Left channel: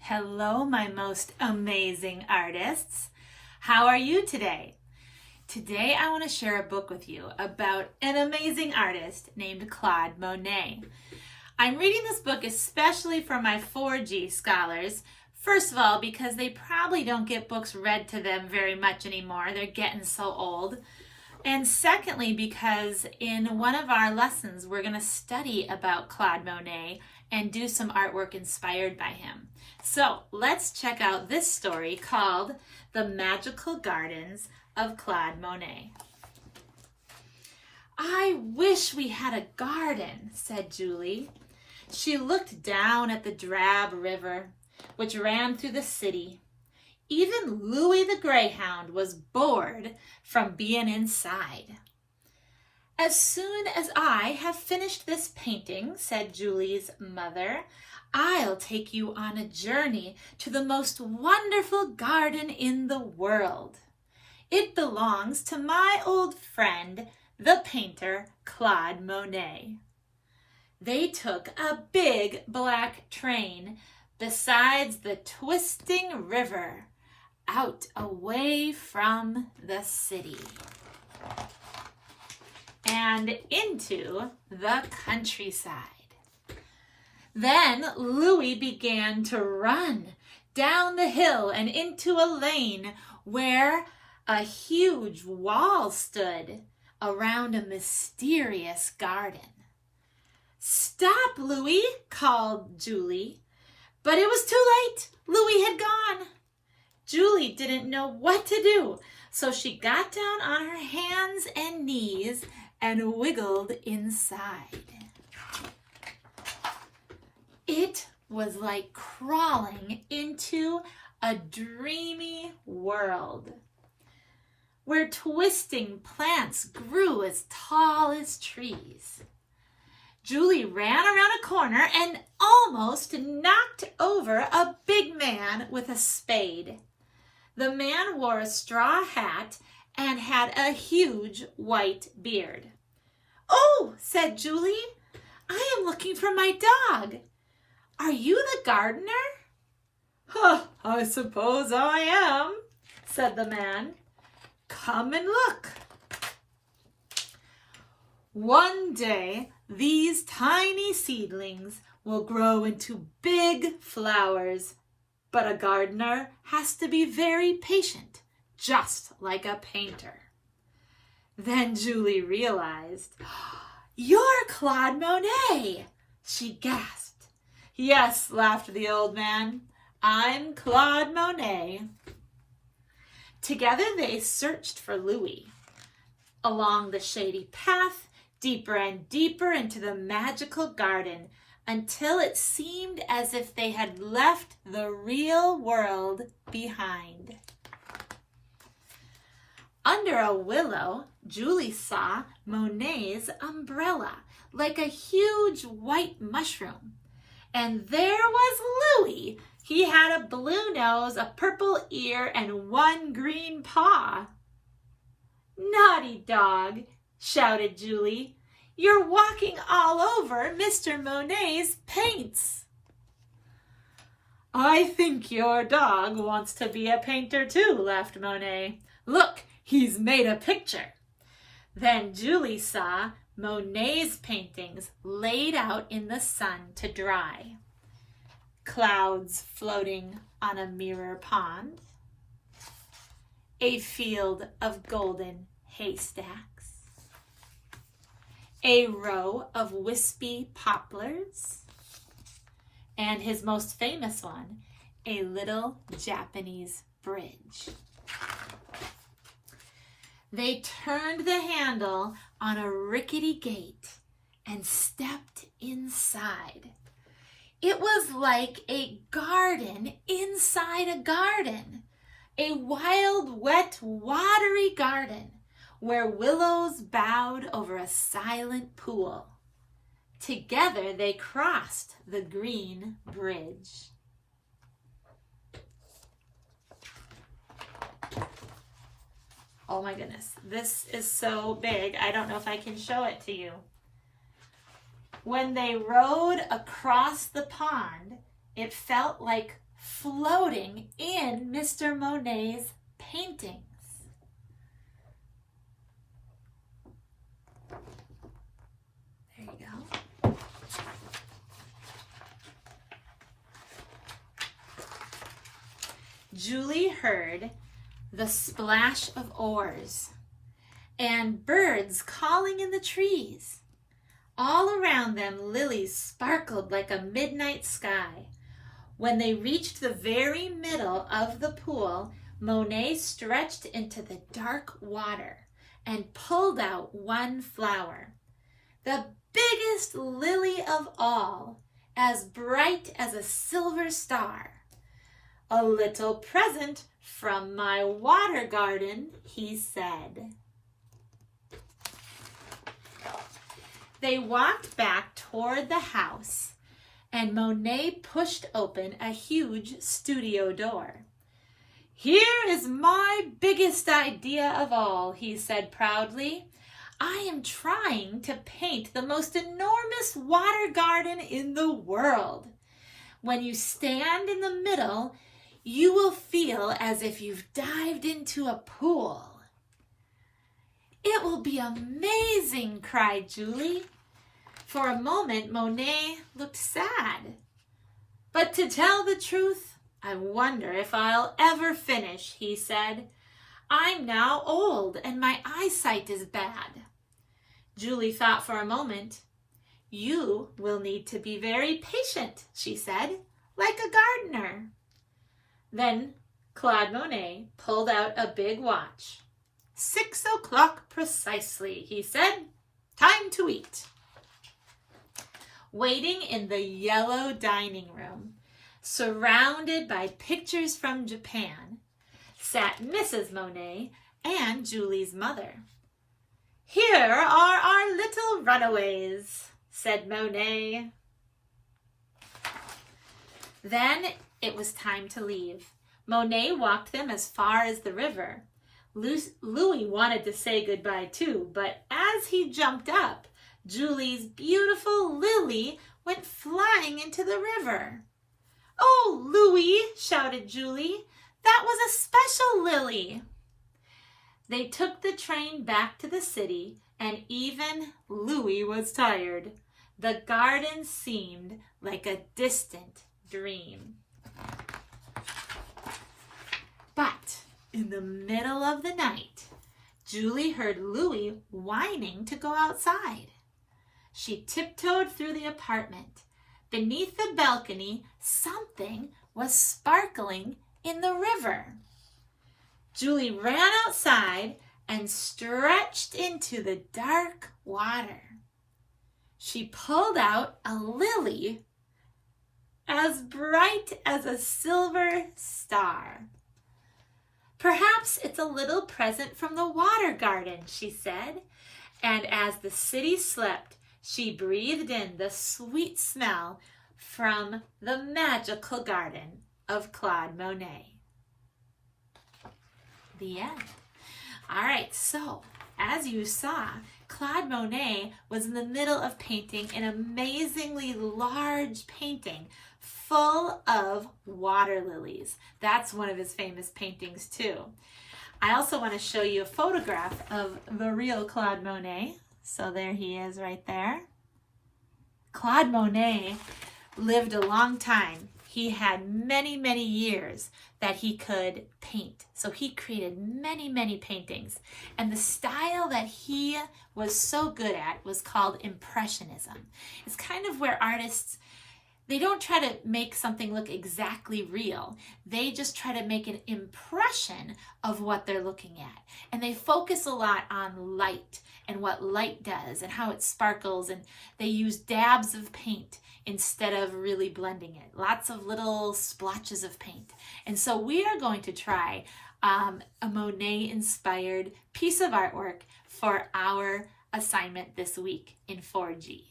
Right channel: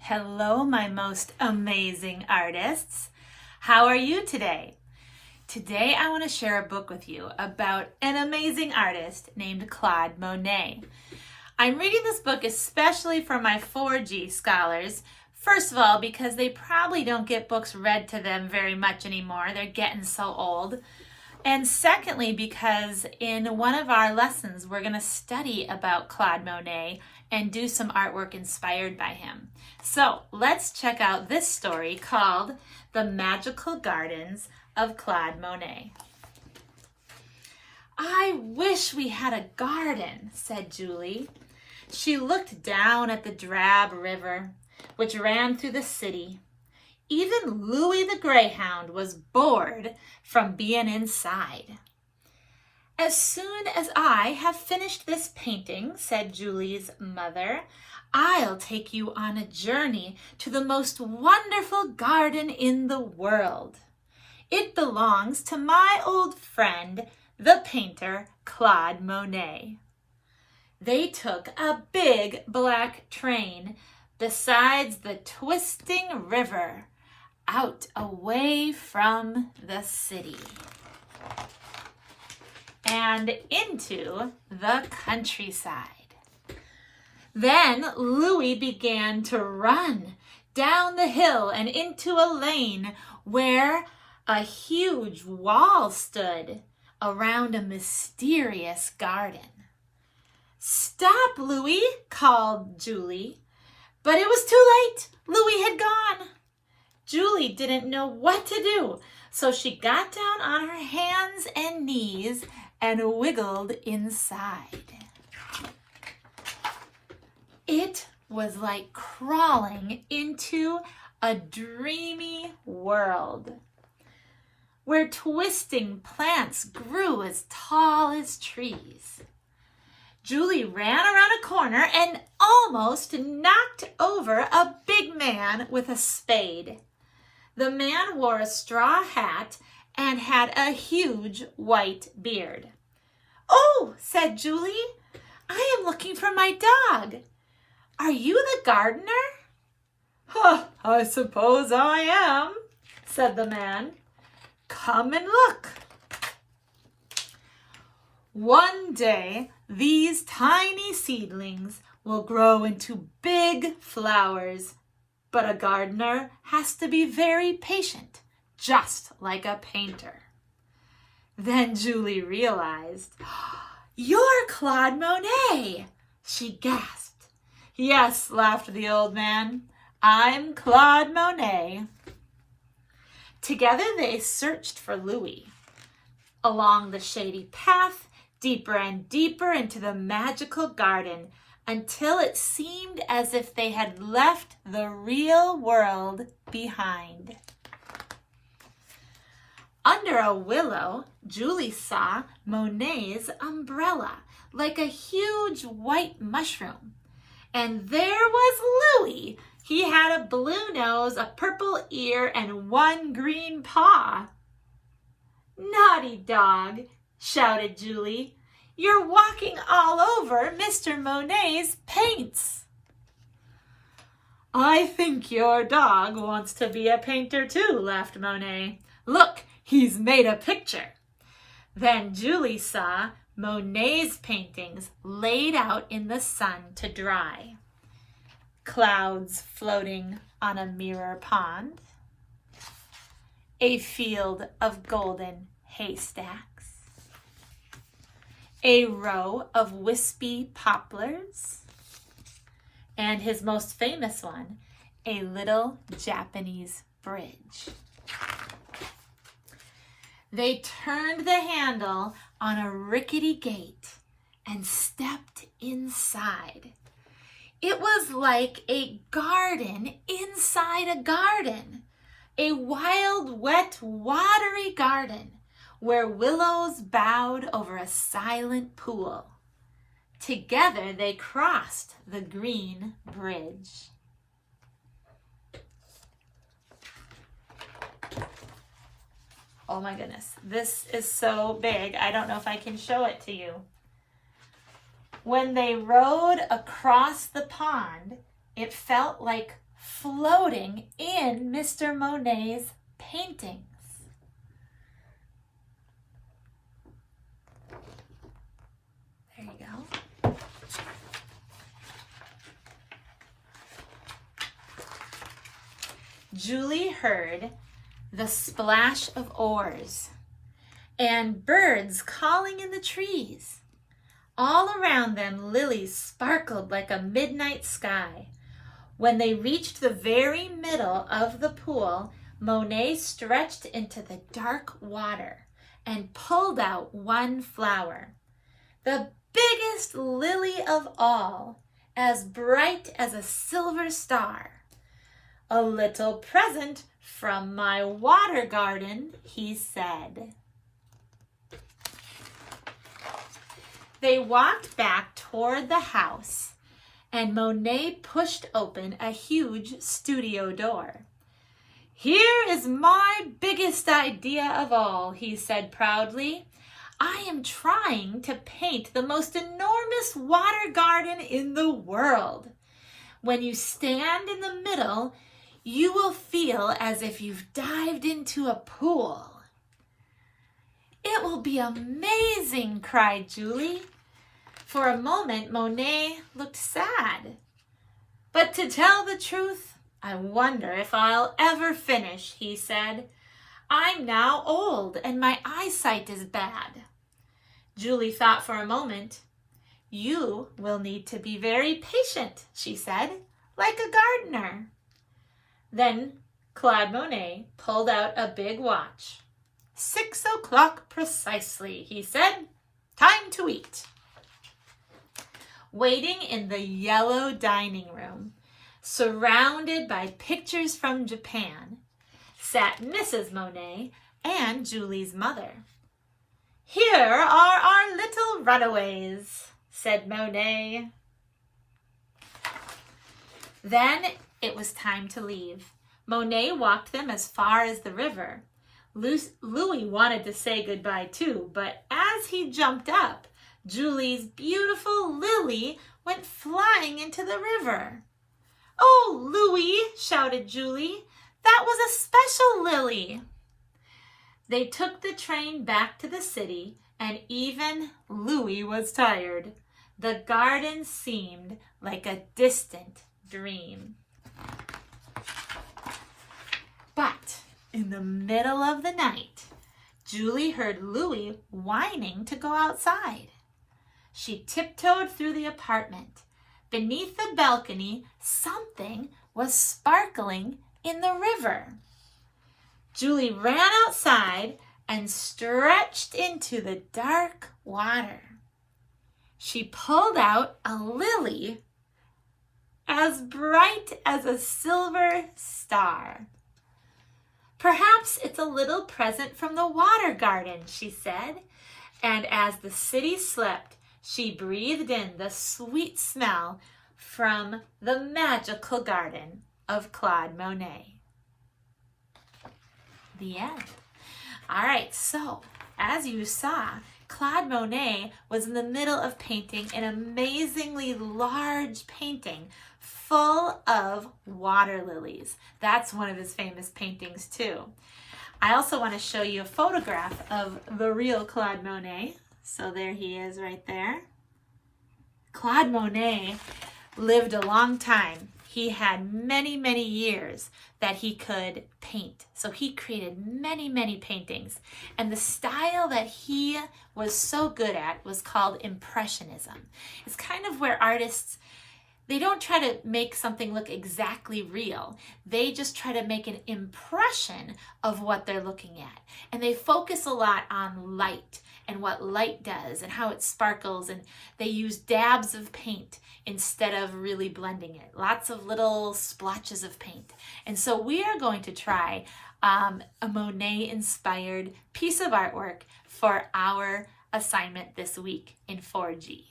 Hello, my most amazing artists. How are you today? Today, I want to share a book with you about an amazing artist named Claude Monet. I'm reading this book especially for my 4G scholars. First of all, because they probably don't get books read to them very much anymore. They're getting so old. And secondly, because in one of our lessons, we're going to study about Claude Monet and do some artwork inspired by him. So let's check out this story called The Magical Gardens of Claude Monet. "I wish we had a garden," said Julie. She looked down at the drab river, which ran through the city. Even Louis the Greyhound was bored from being inside. "As soon as I have finished this painting," said Julie's mother, "I'll take you on a journey to the most wonderful garden in the world. It belongs to my old friend, the painter Claude Monet." They took a big black train besides the twisting river, out away from the city and into the countryside. Then Louis began to run down the hill and into a lane where a huge wall stood around a mysterious garden. "Stop, Louis," called Julie. But it was too late. Louis had gone. Julie didn't know what to do, so she got down on her hands and knees and wiggled inside. It was like crawling into a dreamy world where twisting plants grew as tall as trees. Julie ran around a corner and almost knocked over a big man with a spade. The man wore a straw hat and had a huge white beard. "Oh," said Julie, "I am looking for my dog. Are you the gardener?" "I suppose I am," said the man. "Come and look. One day, these tiny seedlings will grow into big flowers, but a gardener has to be very patient, just like a painter." Then Julie realized, "You're Claude Monet!" she gasped. "Yes," laughed the old man, "I'm Claude Monet." Together they searched for Louis along the shady path, deeper and deeper into the magical garden, until it seemed as if they had left the real world behind. Under a willow, Julie saw Monet's umbrella, like a huge white mushroom. And there was Louis. He had a blue nose, a purple ear, and one green paw. "Naughty dog," shouted Julie. "You're walking all over Mr. Monet's paints." "I think your dog wants to be a painter too," laughed Monet. "Look, he's made a picture." Then Julie saw Monet's paintings laid out in the sun to dry. Clouds floating on a mirror pond, a field of golden haystacks, a row of wispy poplars, and his most famous one, a little Japanese bridge. They turned the handle on a rickety gate and stepped inside. It was like a garden inside a garden, a wild, wet, watery garden where willows bowed over a silent pool. Together they crossed the green bridge. Oh my goodness, this is so big. I don't know if I can show it to you. When they rowed across the pond, it felt like floating in Mr. Monet's paintings. There you go. Julie heard the splash of oars and birds calling in the trees. All around them, lilies sparkled like a midnight sky. When they reached the very middle of the pool, Monet stretched into the dark water and pulled out one flower, the biggest lily of all, as bright as a silver star. "A little present from my water garden," he said. They walked back toward the house, and Monet pushed open a huge studio door. "Here is my biggest idea of all," he said proudly. "I am trying to paint the most enormous water garden in the world. When you stand in the middle, you will feel as if you've dived into a pool." "It will be amazing," cried Julie. For a moment, Monet looked sad. "But to tell the truth, I wonder if I'll ever finish," he said. "I'm now old and my eyesight is bad." Julie thought for a moment. "You will need to be very patient," she said, "like a gardener." Then Claude Monet pulled out a big watch. "6 o'clock precisely," he said. "Time to eat." Waiting in the yellow dining room, surrounded by pictures from Japan, sat Mrs. Monet and Julie's mother. "Here are our little runaways," said Monet. Then it was time to leave. Monet walked them as far as the river. Louis wanted to say goodbye too, but as he jumped up, Julie's beautiful lily went flying into the river. "Oh, Louis," shouted Julie, "that was a special lily." They took the train back to the city, and even Louis was tired. The garden seemed like a distant dream. But in the middle of the night, Julie heard Louis whining to go outside. She tiptoed through the apartment. Beneath the balcony, something was sparkling in the river. Julie ran outside and stretched into the dark water. She pulled out a lily as bright as a silver star. "Perhaps it's a little present from the water garden," she said, and as the city slept, she breathed in the sweet smell from the magical garden of Claude Monet. The end. All right, so as you saw, Claude Monet was in the middle of painting an amazingly large painting full of water lilies. That's one of his famous paintings too. I also want to show you a photograph of the real Claude Monet. So there he is right there. Claude Monet lived a long time. He had many, many years that he could paint. So he created many, many paintings. And the style that he was so good at was called Impressionism. It's kind of where artists, they don't try to make something look exactly real. They just try to make an impression of what they're looking at. And they focus a lot on light and what light does and how it sparkles, and they use dabs of paint instead of really blending it. Lots of little splotches of paint. And so we are going to try a Monet-inspired piece of artwork for our assignment this week in 4G.